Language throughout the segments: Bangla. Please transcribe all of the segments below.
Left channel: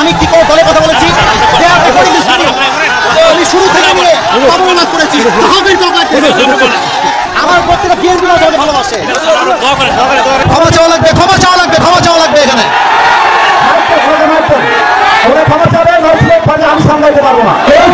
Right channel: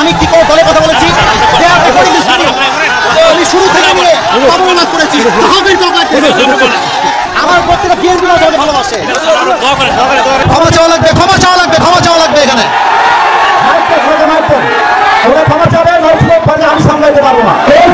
আমি কি করে দলের কথা বলেছি? আমি শুরু থেকে নিয়ে অবমাননা করেছি। আমার প্রত্যেকটা বিএনপি ভালোবাসে। ক্ষমা চাওয়া লাগবে, ক্ষমা চাওয়া লাগবে, ক্ষমা চাওয়া লাগবে এখানে। ক্ষমা চাওয়া আমি সামলাইতে পারবো না। এই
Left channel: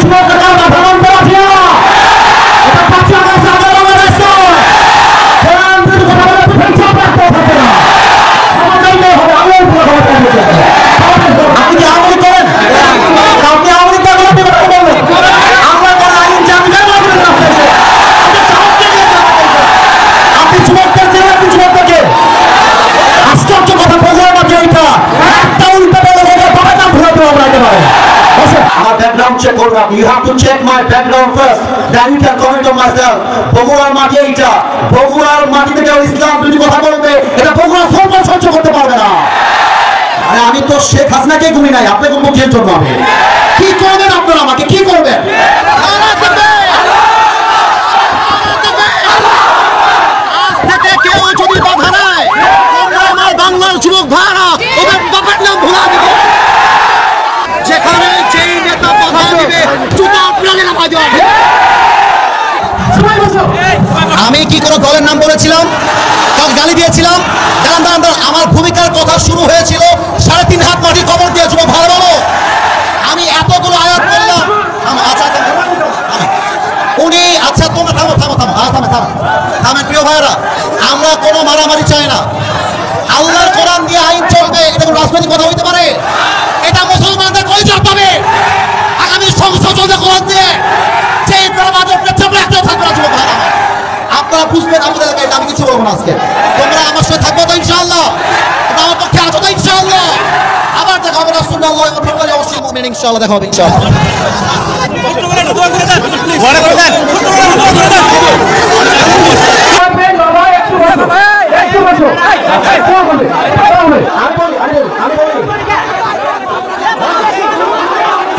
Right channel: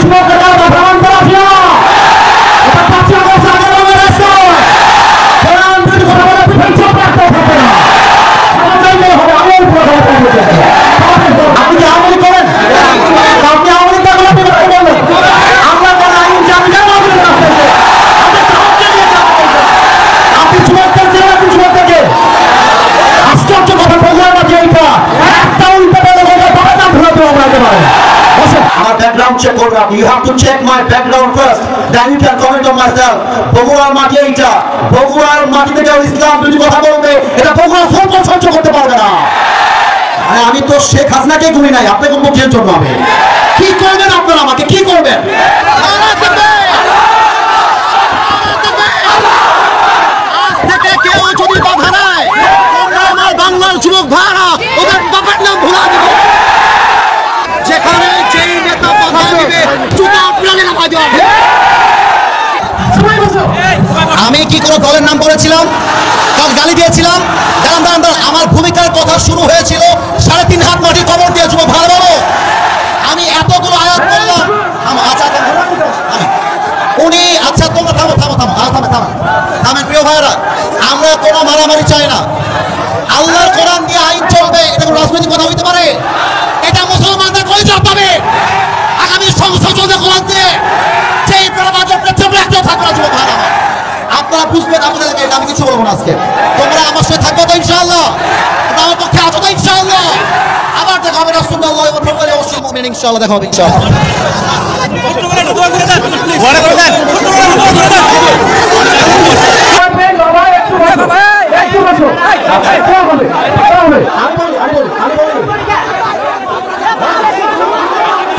check or not. You have to check my background first. Then you can comment on myself. বগুড়ার মাটি এইটা, বগুড়ার মাটিতে কেউ ইসলাম যদি কথা বলবে, এটা বগুড়া সরকার সহ্য করতে পারবে না। মানে আমি তো শেখ হাসিনাকে গুনি নাই, আপনাকে মুখের জন্য আমি কি করবেন? আপনারা আমাকে কি করবেন? কেউ যদি বাধা নেয়, আমার বাংলার যুবক ভাড়া ওদের বাবার নাম ভুলা দিবে। যেখানে যেই নেতা বাধা দিবে জুতা আপনাকে নামাই দেওয়া হবে। আমি কি কোনো দলের নাম বলেছিলাম? কাল গালি দিয়েছিলাম? দাঁড়ান দাঁড়ান দাঁড়ান, আমার ভূমিকার কথা শুরু হয়েছিল 3.5 হাত মাটি কবর দিয়ে যুবক ভালো বলো। আমি এতগুলো আয়াত করলাম। আচ্ছা উনি আচ্ছা তোমরা থামো থামো থামো থামে থামে থামেন প্রিয় ভাইরা, আমরা কোনো মারামারি চাই না। আল্লাহর কোরআন দিয়ে আইন চলবে, এটা কোনো রাজনৈতিক কথা হইতে পারে? এটা মুসলমানদের কলিজা পাবে। আগামী সংসদ চলবে কোরআন দিয়ে, সেই একটাও থাকবে না যুবক ভাইরা আমার। আপনারা বুঝবেন আপনাদের, এটা আমি কিছু বলবো না আজকে। তোমরা আমার সাথে থাকবো তো ইনশাআল্লাহ? আমার পক্ষে আছো তো ইনশাআল্লাহ? আবার দেখা হবে রাসূলুল্লাহ অবশ্যই মুমিন ইনশাআল্লাহ দেখা হবে ইনশাআল্লাহ।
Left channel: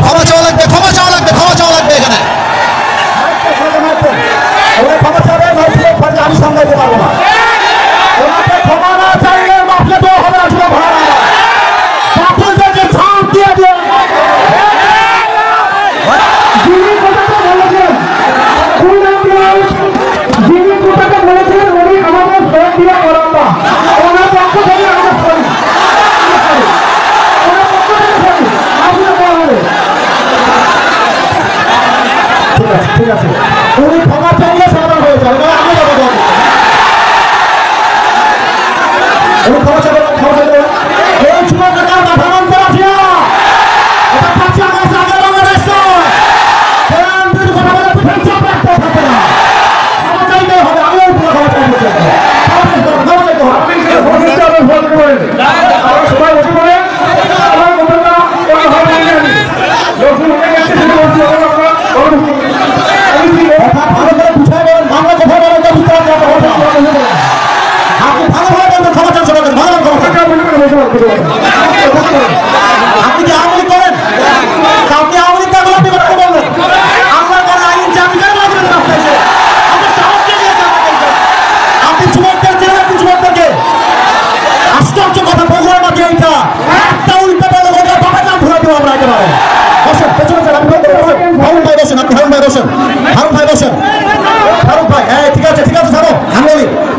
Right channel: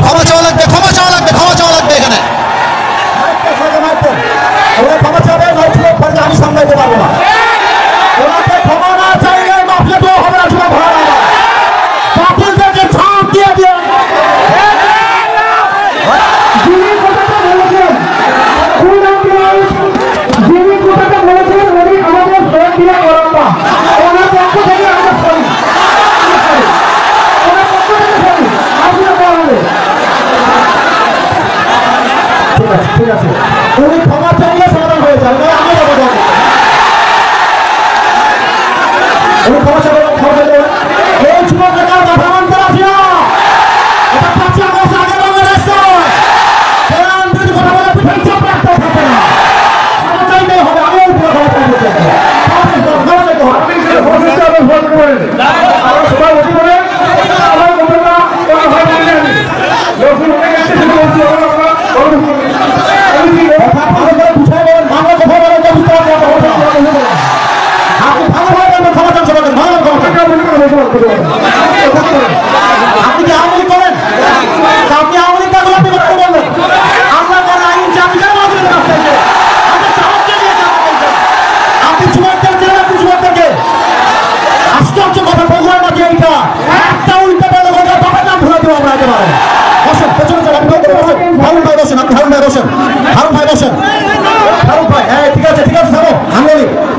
ক্ষমা চাওয়া লাগবে, ক্ষমা চাওয়া লাগবে, ক্ষমা চাওয়া লাগবে এখানে। ক্ষমা চাওয়া আমি সামলাইতে পারবো না। ওনাকে ক্ষমা না চাইলে মাফলে তো হবে না। শুধু ভাড়া বাতিলদেরকে ছাড় দিয়ে দিয়ে ঠিক আছে, উনি ক্ষমা চাইলে সমাধান হয়ে যাবে। ক্ষমা চাইলে এই যুবকের ভ্রমণ করা এটা 5 আগস্ট আগে বাংলাদেশ ক্ষমা চাইতে হবে। আমি ওই পুরো ক্ষমা চাইতে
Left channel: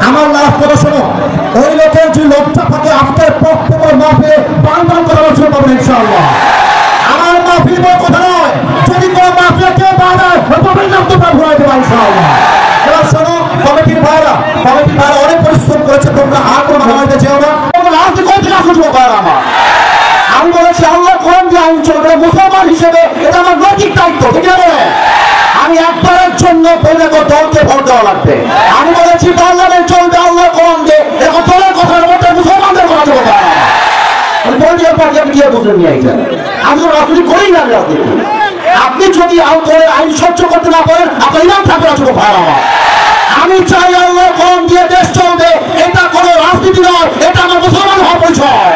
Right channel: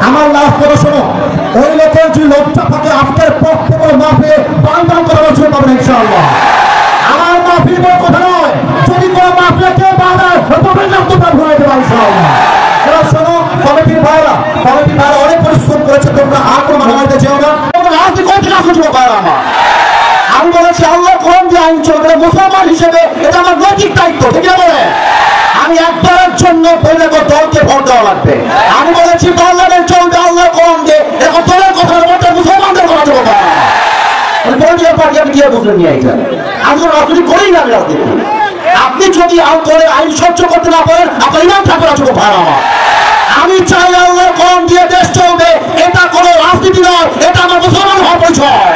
আমার লাভ করে শোনো, ওই লোকের যে লোকটা থাকে আপনার পক্ষে মাফে বান্ধব করার জন্য পাবেন ইনশাআল্লাহ। আমার মাফি কথা নয়, যদি কোনো মাফিয়া কেউ পাবে তুমি নামটা ভুলে দেবে ইনশাআল্লাহ। এবার শোনো, কমিটির ভাইরা অনেক পরিশ্রম করেছে, তোমরা আর কোনো মারামারিতে যেও না। আমি বলেছি আল্লাহ কোরআন দিয়ে আইন চলবে, মুসলমান হিসেবে এটা আমার নৈতিক দায়িত্ব, ঠিক আছে? আমি একবারের জন্য বৈরাগ দলকে ভোট দেওয়া লাগবে। আমি বলেছি পার্লামেন্ট চলবে আল্লাহ কোরআন দিয়ে, এখন দলের কথার মধ্যে মুসলমানদের কথা দেবো না। পলিটিক্যাল পার্টি আমি কি বুঝলেন নিয়ে এখানে আমি তো রাজনীতি করি না। রাজনীতি আপনি যদি আইন সহ্য করতে না পারেন, আপনার ইমাম ঠাকুর আছে ভাই আমার। আমি চাই আল্লাহ কোরআন দিয়ে দেশ চলবে, এটা কোনো রাজনীতি নয়, এটা আমার মুসলমান হওয়ার পরিচয়।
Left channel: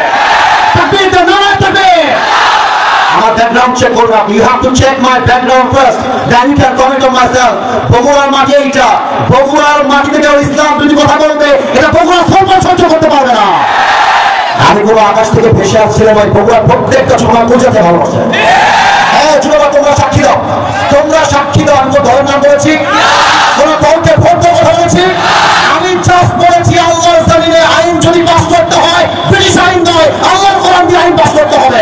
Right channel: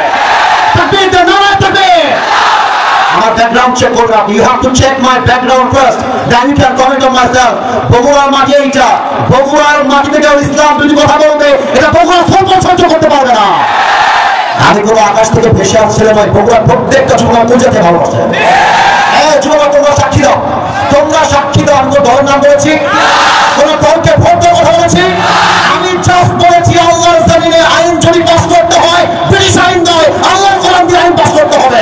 আমার background check or not. You have to check my background first. Then you can comment on myself. বগুড়ার মাটি এইটা, বগুড়ার মাটিতে কেউ ইসলাম যদি কথা বলবে, এটা বগুড়া সরকার সহ্য করতে পারবে না। আমি কোনো আকাশ থেকে ভেসে আসছিলাম ওই বগুড়ার প্রত্যেকটা যুবক পূজাতে ভালোবাসে। হ্যাঁ যুবক, তোমরা সাক্ষী দাও, তোমরা সাক্ষী দাও। আমি কোনো দলের নাম বলেছি? কোন দলকে ভোট দেওয়ার কথা বলেছি? আমি জাস্ট বলেছি আল্লাহর জমিনে আইন যদি পাস করতে হয় ব্রিটিশ আইন নয়, আল্লাহর কোরআন দিয়ে আইন পাস করতে হবে।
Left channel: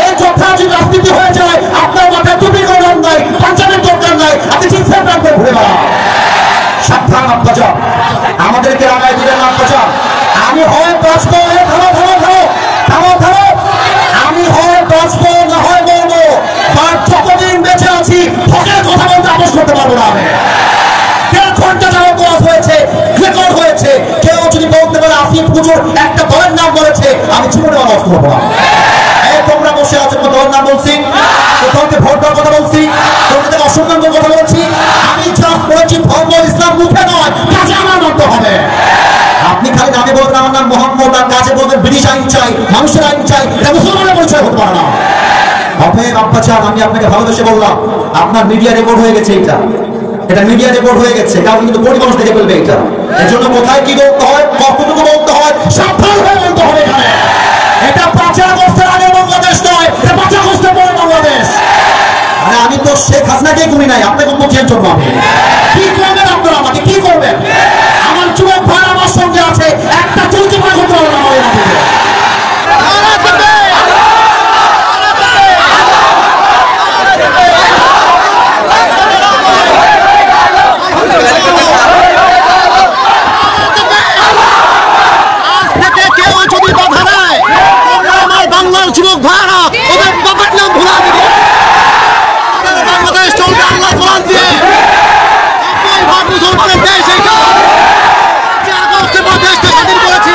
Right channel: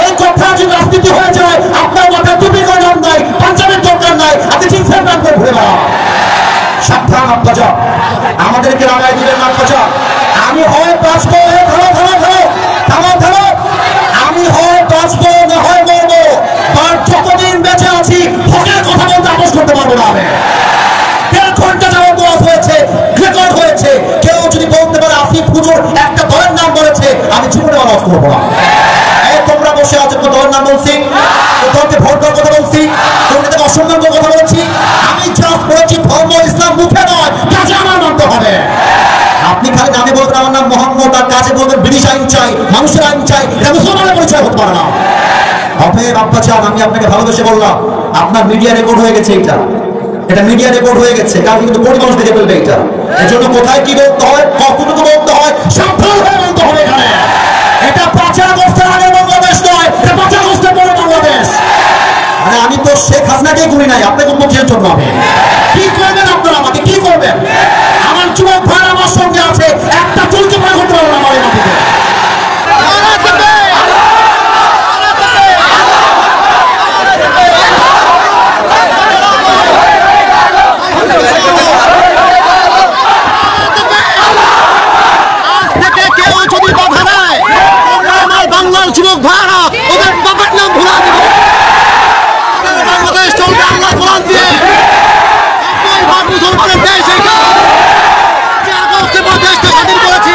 এই কথা যদি রাজনীতি হয়ে যায়, আপনার মাথায় টুপি করার নাই, পাঞ্জাবের দরকার নাই, আপনি জিন্সের প্যান্ট পরে ঘুরে বেড়ান। সাবধান আব্বাজা, আমাদেরকে রাগায় দিলেন আব্বাজা। আমি হয় বাঁচবো, ধরো ধরো ধরো থামো থামো, আমি হয় বাঁচবো না হয় মরবো, আর যতদিন বেঁচে আছি হকের কথা বলতে আপোষ করতে পারবো না। আমি 1.5 ঘন্টা যাবত ওয়াজ হয়েছে, রেকর্ড হয়েছে, কেউ যদি বলতে পারে আসিফ হুজুর একটা দলের নাম বলেছে, আমি জীবনে ওয়াজ করবো না। তোমরা বসে আছো, দলের নাম বলছি, দলকে ভোট দেওয়ার কথা বলছি, তোমাদের অসম্মান করার কথা বলছি? আমি জাস্ট বলেছি ধর্ম ইসলাম মুখে নয়, কাজে আমার মানতে হবে। আপনি খালি নামে বলবেন আমার নাম মোহাম্মদ, আর কাজে বলবেন ব্রিটিশ আইন চাই, মানুষের আইন চাই, এটা মুসলমানের পরিচয় হতে পারে না। অতএব আব্বা চান, আমি আপনাকে ভালোবেসে বললাম, আপনার মিডিয়া রেকর্ড হয়ে গেছে, এটা মিডিয়া রেকর্ড হয়ে গেছে, কারণ কিন্তু কোটি মানুষ দেখে ফেলবে এটা। এর জন্য কোথায় কি বলতে হয়, কতটুকু বলতে হয়, সাবধান হয়ে বলতে হবে। এখানে এটা 5 আগস্টের আগে বাংলাদেশ নয়, এটা 5 আগস্টের পরে বাংলাদেশ। আরে আমি তো শেখ হাসিনাকে গুনি নাই, আপনাকে মুখের জন্য আমি কি করবেন? আপনারা আমাকে কি করবেন? আমার যুবক ভাই আমার সঙ্গে আছে, একটা চুলকে ভয় করতে পারবো না আমার এই মাটিতে। যুবক ভাইরা ওদের বাবার নাম ভুলা দিবে, বাংলাদেশ চলবে আল্লাহ কোরআন দিয়ে। ভাগ মুসলমানের দেশ, এইটা আগস্টে দেশটা স্বাধীন করেছি,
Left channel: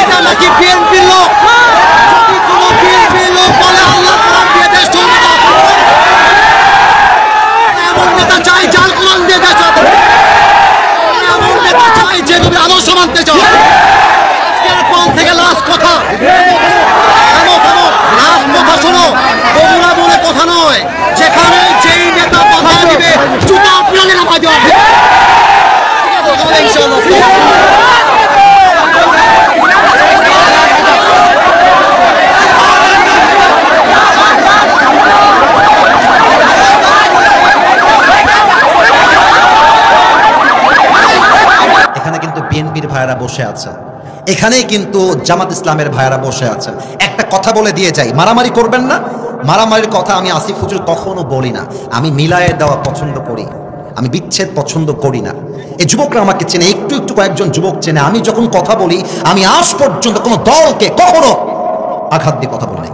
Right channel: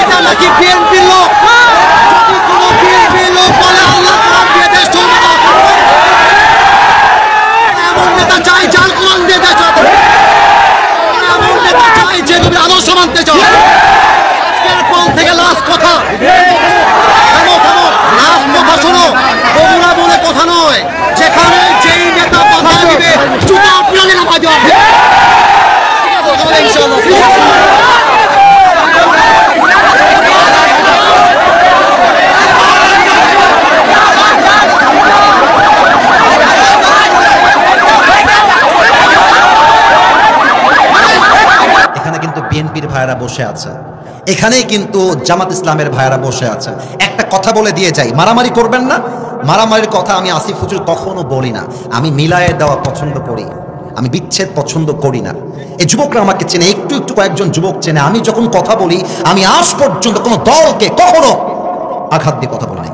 এটা নাকি বিএনপির লোক? যদি কোনো বিএনপির লোক বলে আল্লাহ কোরআন দিয়ে দেশ চলবে না, এমন নেতা চাই যার কোরআন দিয়ে দেশ চলবে, এমন নেতা চাই যে তুমি আদর্শ মানতে চাও। আজকের পর থেকে লাস্ট কথা, লাস্ট কথা শোনো, বগুড়া বলে কথা নয়, যেখানে যেই নেতা বাধা দিবে জুতা আপনাকে নামা দেওয়া হবে। এখানে কিন্তু বিএনপির ভাইয়েরা বসে আছে, এখানেই কিন্তু জামাত ইসলামের ভাইয়েরা বসে আছেন। একটা কথা বলে দিয়ে যাই, মারামারি করবেন না। মারামারির কথা আমি আসিফ হুজুর কখনো বলি না। আমি মিলায়ে দেওয়া পছন্দ করি, আমি বিচ্ছেদ পছন্দ করি না। এই যুবকরা আমাকে চেনে, একটু একটু কয়েকজন যুবক চেনে। আমি যখন কথা বলি, আমি আজ পর্যন্ত কোনো দলকে কখনো আঘাত দিয়ে কথা বলি নাই।